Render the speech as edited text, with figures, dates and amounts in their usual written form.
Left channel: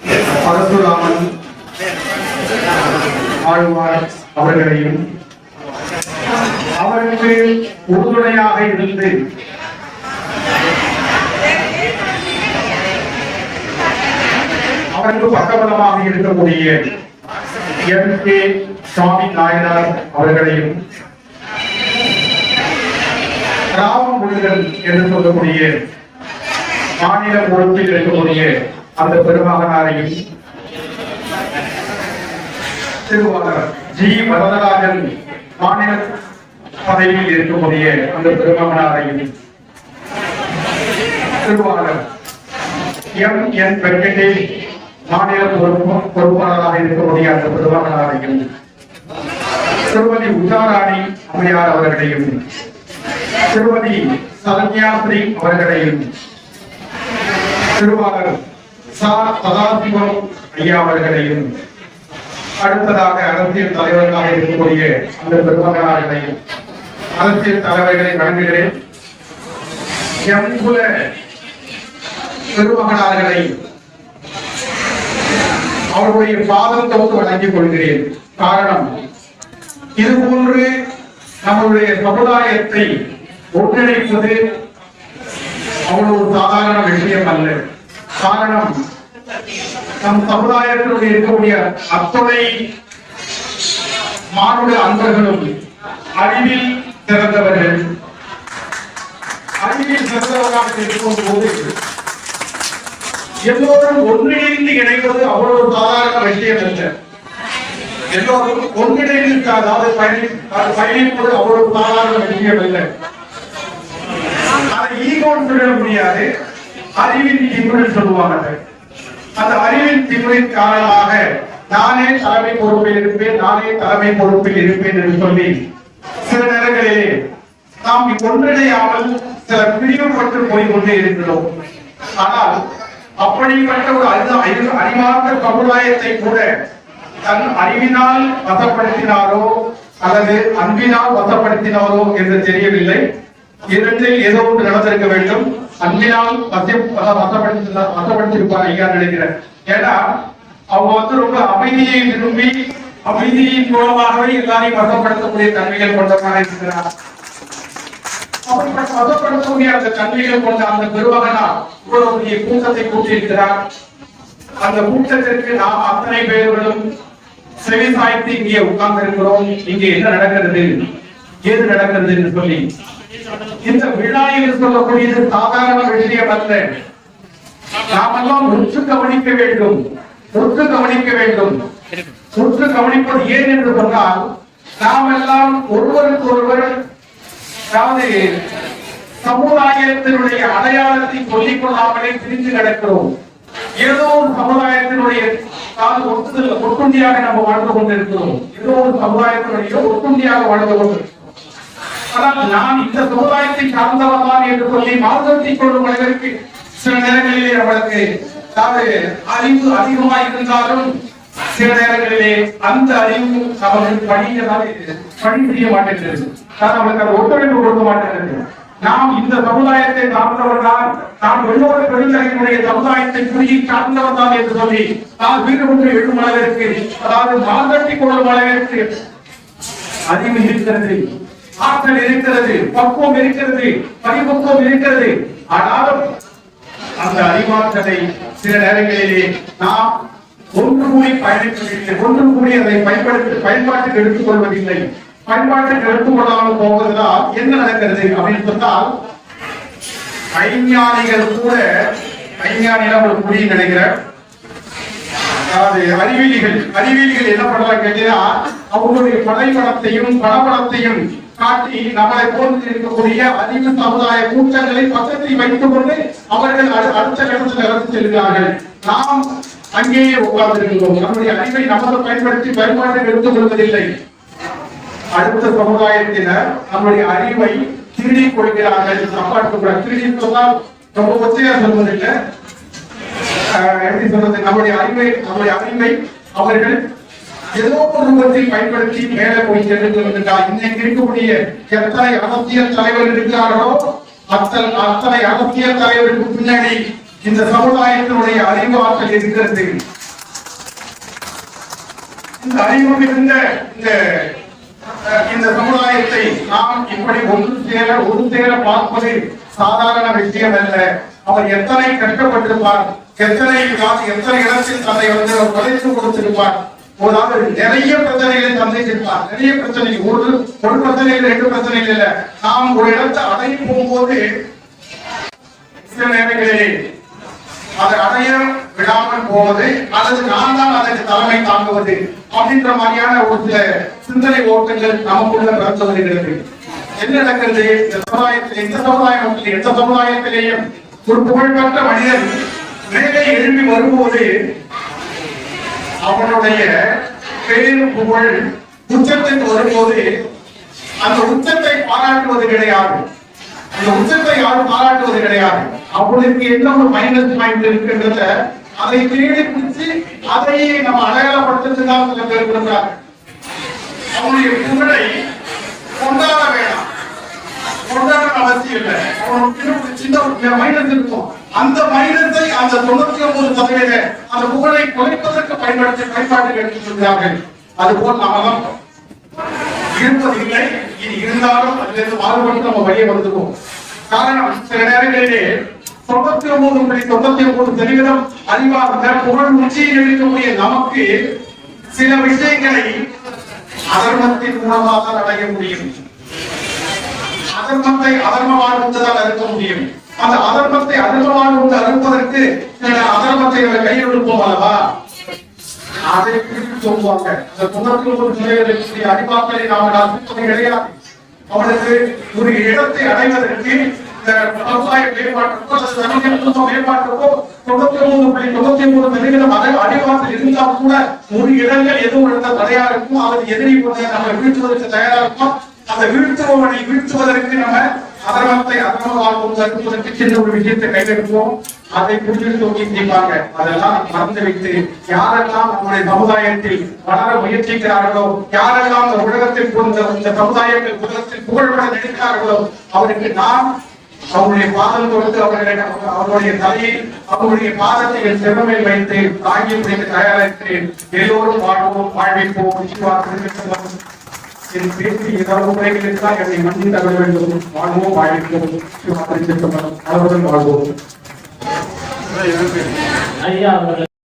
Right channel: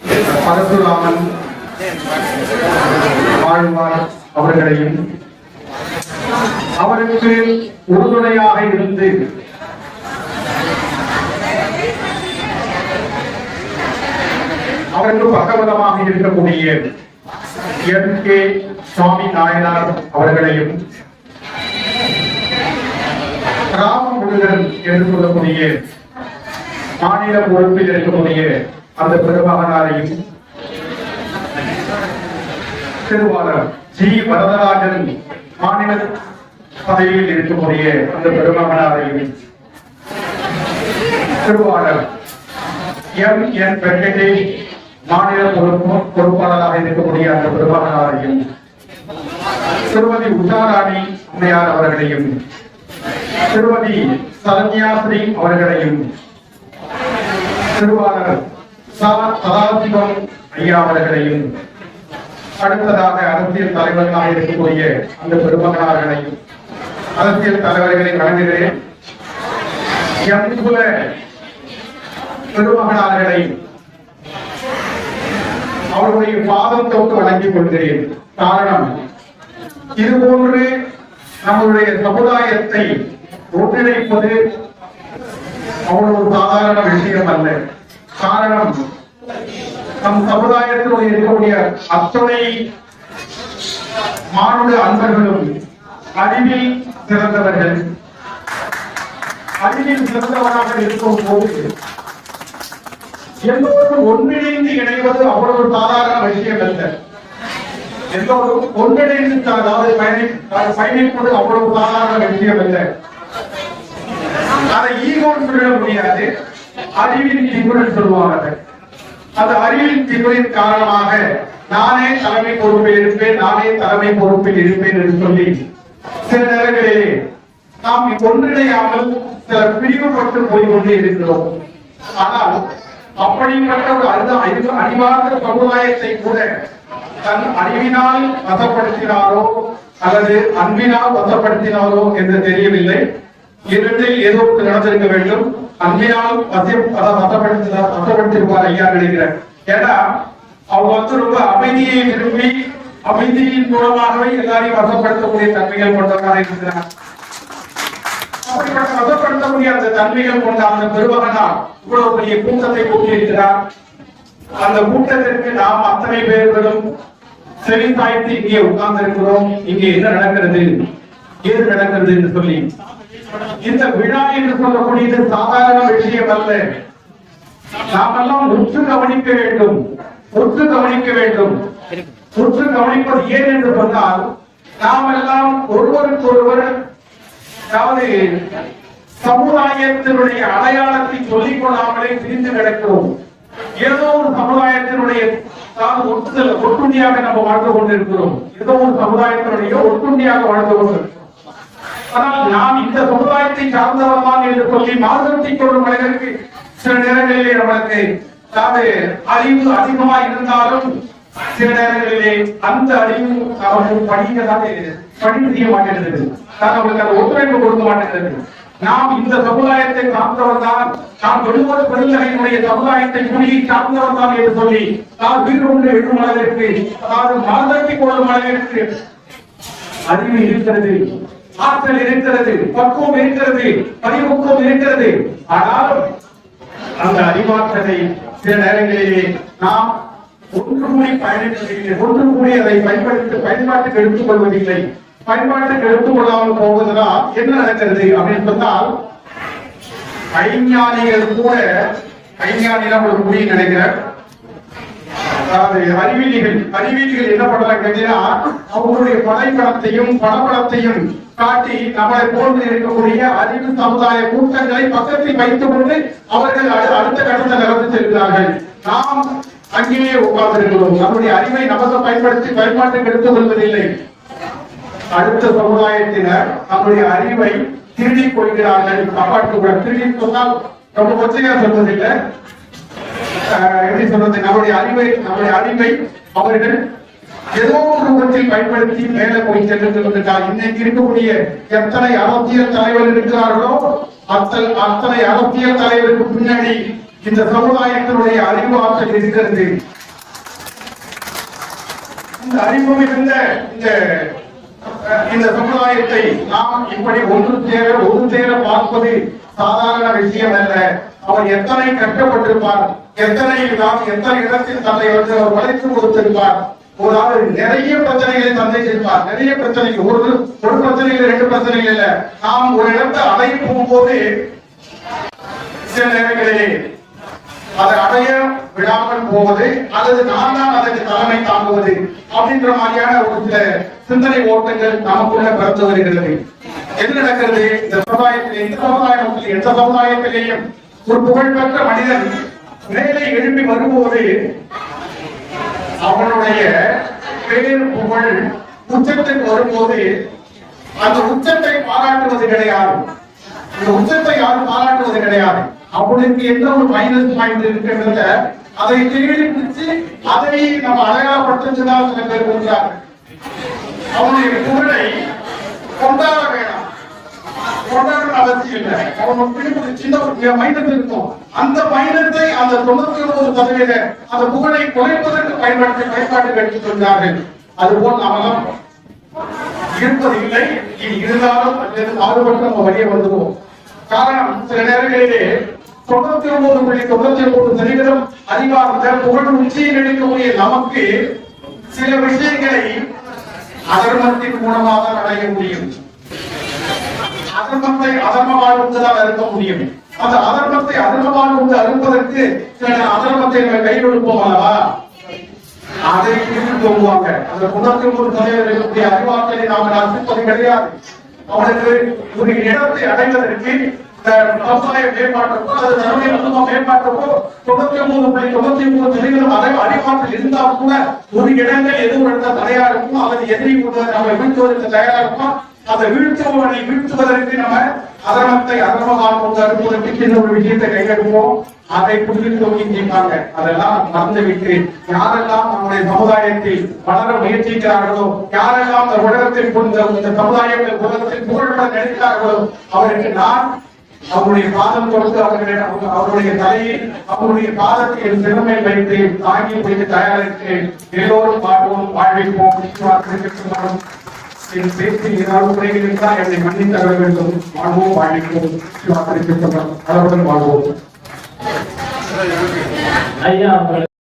பரசுராமன் ஆழ்வார் அவர்களையும் அவருக்கு உறுதுணையாக இருந்து அவருக்கு பக்கபலமாக இருக்கக்கூடிய எம்.கே. சுவாமி நாயனார் அவர்களையும் ராமமுருகன் என்று சொல்லக்கூடிய மாநில பொறுப்பில் இருக்கக்கூடிய அந்த பெருமகனாரையும் திருவாளர் ஜி. வரதராஜன் மாநில பதவியில் இருக்கக்கூடிய அந்த பெருமகனாரையும் திருவாளர் எம்.என். வெங்கடேஷ் மாநில பொறுப்பாளராக இருக்கக்கூடிய அந்த பெருமகனாரையும் திருமதி உஷாராணி அம்மையார் அவர்களையும் திருமதி சரண்யாஸ்ரீ அவர்களையும் திருவாளர் சதாசிவம் ஐயா அவர்களையும் அடுத்ததாக அரசியல் தலைவர்களாக இருக்கக்கூடிய அந்த பெருமகனார்களையும் அரசியல் தலைவர்களை வழங்குகிறேன். எங்குல பெருமகனார்களை அவருடைய பாதம் தொட்டு வழங்கிக் கொள்கிறேன். காரணம், இதுபோன்று நம்முடைய சமுதாயத்தை ஒன்றிணைப்பது அவ்வளவு சாதாரண விஷயம் அல்ல. காரணம், நம் சமுதாயத்தினுடைய இருக்கக்கூடிய அத்துணை மானுட அன்பர்களும் அறிவில் சிறந்தவர்கள். அறிவில் சிறந்தவராக இருக்கும் போது எல்லோரும் ஒன்றிணைந்து இணைவது அவ்வளவு சாதாரண விஷயம் அல்ல. எல்லோரும் ஒன்றிணைந்து அதாவது பயணிப்பது அவ்வளவு சாதாரண விஷயம் அல்ல. அதை ஈகோன் சொல்ல முடியாது, அறிவின் திமிழ் சொல்லுவார்கள். அந்த அறிவின் திமிழின் காரணமாக நானே தலைமை பொறுப்பில் இருப்பேன் என்று சொல்லி சில நேரங்களிலே நாம் ஒன்றிணையாமல் சில பிரிவுபட்டு போய்கொண்டே இருக்கிறோம். ஆனால் அப்படிப்பட்ட ஒரு அறிவார்ந்த சமுதாயத்தை கூட தன் அறிவினால் வசப்படுத்தினாரோ அல்லது அன்பினால் வசப்படுத்தினாரோ என்று தெரியவில்லை. இரண்டில் ஏதோ ஒன்று நடந்திருக்க வேண்டும். அன்பினால் வசப்படுத்திருப்பார் ஐயா நினைக்கிறேன். ஏன்னா அவங்க ரொம்ப அமைதியை விரும்பி அமைதியின் மூலமாகவே எல்லாரையும் வசப்படுத்தக்கூடிய தன்மைகள் கொண்டவராக இருக்கிறார். அப்படிப்பட்ட வசப்படுத்தக்கூடிய அந்த தன்மைகள் கொண்ட அந்த பெருமகனார் இவ்வளவு பெரிய கூட்டத்தை கூட்டியிருக்கிறார். அந்த கூட்டத்திற்கு நாம் அத்தனை பேர்களும் செவி சாய்த்து இங்கே உட்கார்ந்து இருக்கிறோம். இங்கே என்ன நடக்கிறது, ஏது நடக்கிறது என்று சொல்லி இந்த விழா என்று சொல்லக்கூடியது சாதாரண விஷயம் அல்ல. நாமெல்லாம் உற்று கவனிக்க வேண்டும். உற்று கவனிப்பது ஏன் என்று சொன்னால், நாம் எல்லாம் ஒருவருக்கொருவர் அதாவது சமுதாயத்தினுடைய அடையாளத்தை சொல்லிக் கொள்ளாமலே பிரிந்து நடக்கிறோம். ஏதோ ஒரு சமுதாயத்தினுடைய ஒட்டுண்டியாக நம்ம வாழ்ந்து கொண்டிருக்கிறோம். ஏதோ ஒரு சமுதாயத்தினுடைய ஒட்டுண்டியாக வாழ்ந்து கொண்டிருக்கிறோம். ஆனால் நாம் இந்த சமுதாயத்தை சார்ந்தவர் தான் என்று சொல்லி மாறுபடுத்திக் கொள்ளும் அளவிற்கு சில நேரங்களிலே நம்மளுக்கு அறிவு அதிகமாக இருந்தாலும் சில நேரங்களிலே அந்த அறிவு அவர்கள் பணி செய்ய மாட்டேங்கிறது. அவர்களுக்கு ஒத்துழைப்பு கொடுக்க மாட்டேங்கிறது. நாம் இந்த சமுதாயத்தை சார்ந்தவர் தான், நாம் எழுபது பெருந்தகையினுடைய சமுதாயத்தை குடியை சார்ந்தவர் தான் என்று சொல்லி நாம் வீடு கொண்டு எழுதும் அளவிற்கு, அதாவது மாறுபடுத்திக் கொள்ளும் அளவிற்கு அறிவு இருக்கிறது, ஆற்றல் இருக்கிறது, பக்குவம் இருக்கிறது, பரிபக்குவம் இருக்கிறது. ஆனால் அந்த அறிவாற்றலை சில நேரங்களிலே நாம் ஒன்று கூடி பயணிப்பதில்லை, ஒன்று கூடி அதை பயன்பாட்டுக்கு எடுத்துக் கொள்வதில்லை. பயன்பாட்டுக்கு எடுத்துக் கொள்ளாமல் போவதால் என்ன நடக்கிறது அப்படின்னு சொன்னால், ஐஞானிகள் கூட ஐஞானிகள் ஒரு முடிவு நினைக்கிறார். அதாவது அறிவியலிகள் என்ன பண்றாங்க கேட்டீங்கன்னா, அவங்களுடைய படைப்படத்தையும் பணப்படத்தையும் காட்டி நம்மளை போன்று இருக்கக்கூடிய அறிவு சமுதாய கூட்டங்களை பக்கத்தில் வைத்துக் கொண்டு அவர்கள் அடுத்த கட்டத்தை நடந்து செல்கிறார்கள். நாம் அங்கேயே உட்கார்ந்திருக்கிறோம். நம்முடைய அறிவை நமக்கு பயன்படுத்தி பயன்பாட்டுக்கு எடுத்துக் கொள்வதில்லை. அடுத்த சமுதாயத்தினர் நம்முடைய அறிவை திருடிக் கொள்கிறார்கள். சாப்பாட்டுக்கு திருடி சொன்னால் ரொம்ப ஒத்தையா சொல்வதில்லை, எப்படி சொல்றது, நம்முடைய அறிவை அவர்கள் ஏதோ ஒரு ரூபத்தில் பயன்படுத்தி மேலே போய் சென்று இன்னைக்கு இருக்கக்கூடிய எத்தனை அரசியல் தலைவர்கள் இருக்கிறார்களோ அத்தனை அரசியல் தலைவருக்கு பின்னாடி இந்த சமுதாயத்தினுடைய அறிவு ஆற்றல் இருக்கிறது. இந்த அறிவு இருந்த இந்த சமுதாயத்தை நாம் இப்படி ஒரு சேர பார்ப்பது சாதாரண விஷயம் அல்ல. அவர் எத்தனை கஷ்டப்பட்டிருப்பார், எத்தனை இடத்தில் தன்னை அவர் உழைத்து கொடுத்திருப்பார். நிறைய பிரச்சனைகளை சந்திச்சிருப்பார். நிறைய பிரச்சனைகள், ஒரு பிரச்சனைகள், 2 பிரச்சனைகள் இல்ல. நாம் ஒரு இடத்தை அடைய போகும்போது சில நேரங்களிலே அதை அடைய விடாமல் போவது அல்லது நான் தான் அதற்கு தலைமை தாங்குவது அப்படின்ற மாதிரியான ஒரு சில சிந்தனை ஓட்டங்கள் நமக்குள்ள பிறந்து வருகிறது. என்ன நடக்கிறது இந்த சமுதாயத்தில்? எந்த சமுதாயத்திலேயும் ஒரு புகழ்பெற்ற மனிதன் மேலே எழுப்பி வரும்போது அவனுடைய பேரு புகழ் உச்சத்துக்கு வரும்போது அந்த உச்சத்தை பாராட்டுவது கிடையாது. அந்த உச்சத்தை யாரும் பாராட்டுவது கிடையாது. அவனுக்கு என்ன ஒரு மைனஸ் பாயிண்ட் இருக்குன்றத அதை தேடி பிடிச்சு அதை நம்ம அடையாளப்படுத்துறதுதான் சில பேர் கொடுக்குறாங்க. அவனுடைய புகழை கொண்டாட வேண்டாம், கொண்டாட அவசியம் இல்லை. அவனுக்கு சின்ன மைனஸ் இருக்கும். அந்த மைனஸை அந்த 99% அந்த புகழை குறைப்பதற்கு பயன்பாட்டுக்கு எடுத்து சொல்கிறார்கள். அதுபோல் நாம இருப்பதில்லை. இருந்தாலும் அதிலிருந்து மாறுபட்டு நம்ம வழியே வந்துடுவோம். காரணம், சில நேரங்களிலே 99.99% அறிவார்ந்த புகழ் உச்சியில் இருக்கக்கூடிய நமக்கு சில விஷயங்களை அதர்மத்தின் மூலமாக அடைய முடியும். அதர்மத்தை அதர்மமாக ஒன்றுதான் அறுக்க முடியும். அந்த அதர்மத்தை அதர்மமாக ஒன்று அறுப்பதற்கு அதர்மத்தை கையில் எடுப்போம் அல்லவா, அதை சொல்லுவாங்க. அந்த 99% அறிவாற்றலை நாம் அர்ப்பிப்பது கிடையாது. அவனுக்கு ஒரு இடத்தை அடைவதற்கு விவசாய மேம்பாட்டுக்கோ அல்லது தன்னுடைய குடும்ப மேம்பாட்டுக்கோ 99.99% அறிவாற்றல் இருந்தால் கூட ஒரு இடங்கள் எதுவும் எடுத்த தடையா இருக்கும். அல்லது எதிரி நம்ம வீழ்த்துவதற்கு தயாரா இருக்கும். அந்த வீழ்த்துவனை வீழ்த்துவதற்கு நம்ம அதர்மத்தை அதர்மமாக அறுப்பதற்கு சின்ன ஒரு விஷயத்தை கையெடுப்போம். அதை புரிந்து செய்வாங்க. அதெல்லாம் மறந்து வைத்து யாரெல்லாம் நம்முடைய சமுதாயத்தில் வளர முயற்சிக்கிறார்களோ, யாரெல்லாம் இந்த உலகத்தில் இந்த சமுதாயத்தில் உலகத்தில் புகழ்பட நினைக்கிறார்களோ அவருக்கு நான் அவருடைய பாதம் கொடுத்து அவருடைய தலையில் அவருடைய பாதத்தை என் சிறமையில் வைத்து தாங்கி பிடித்து தயாரிக்கிறேன். எல்லோரும் வாழ்வோம், வாழ்விப்போம். என் பேச்சு ஏதாவது குறைகள் இருந்தால் என்னை மன்னித்து தர வேண்டும். வாழ்வோம், வாழ்விப்போம். வாழ்வோம். ஐயா